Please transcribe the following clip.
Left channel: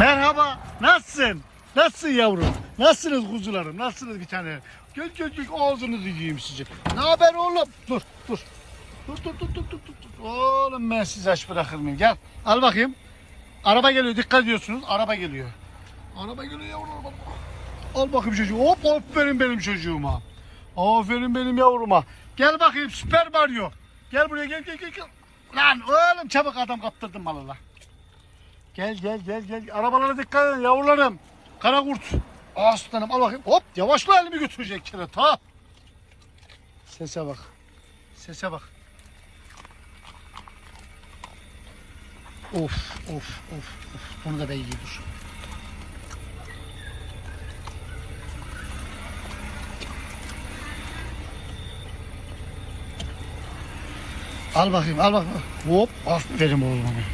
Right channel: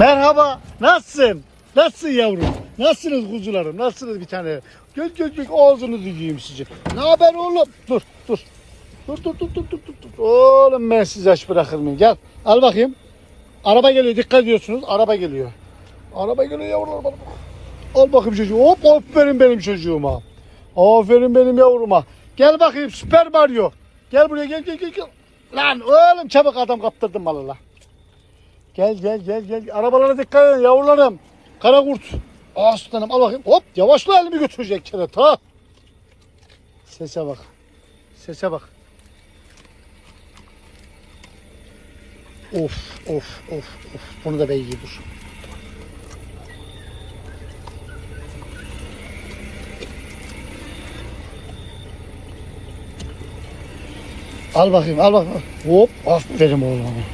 Merhaba. Nasılsın? Nasılsın yavrum? Nasılsınız kuzularım? Nasılsınız bir tane? Göz göz göz ağzınızı yiyeyim sizi. Ne haber oğlum? Dur dur. Dur dur dur dur dur dur. Oğlum ben sizi aç bırakır mıyım? Gel. Al bakayım. Araba geliyor. Dikkat ediyorsunuz. Araba geliyor. Araba geliyor yavrular bak. Al bakayım çocuğu. Hop aferin benim çocuğuma. Aferin benim yavruma. Gel bakayım Süper Mario. Gel buraya gel gel gel. gel. Lan oğlum çabuk adam kaptırdım valla. Gel gel gel gel. Arabalara dikkat edin yavrularım. Kara kurt. Aslanım al bakayım. Hop yavaşla elimi götürecek kere ta. Sese bak. Sese bak. Of of of of. Bunu da ben yiyeyim. Al bakayım al bakayım. Hop aferin oğlum.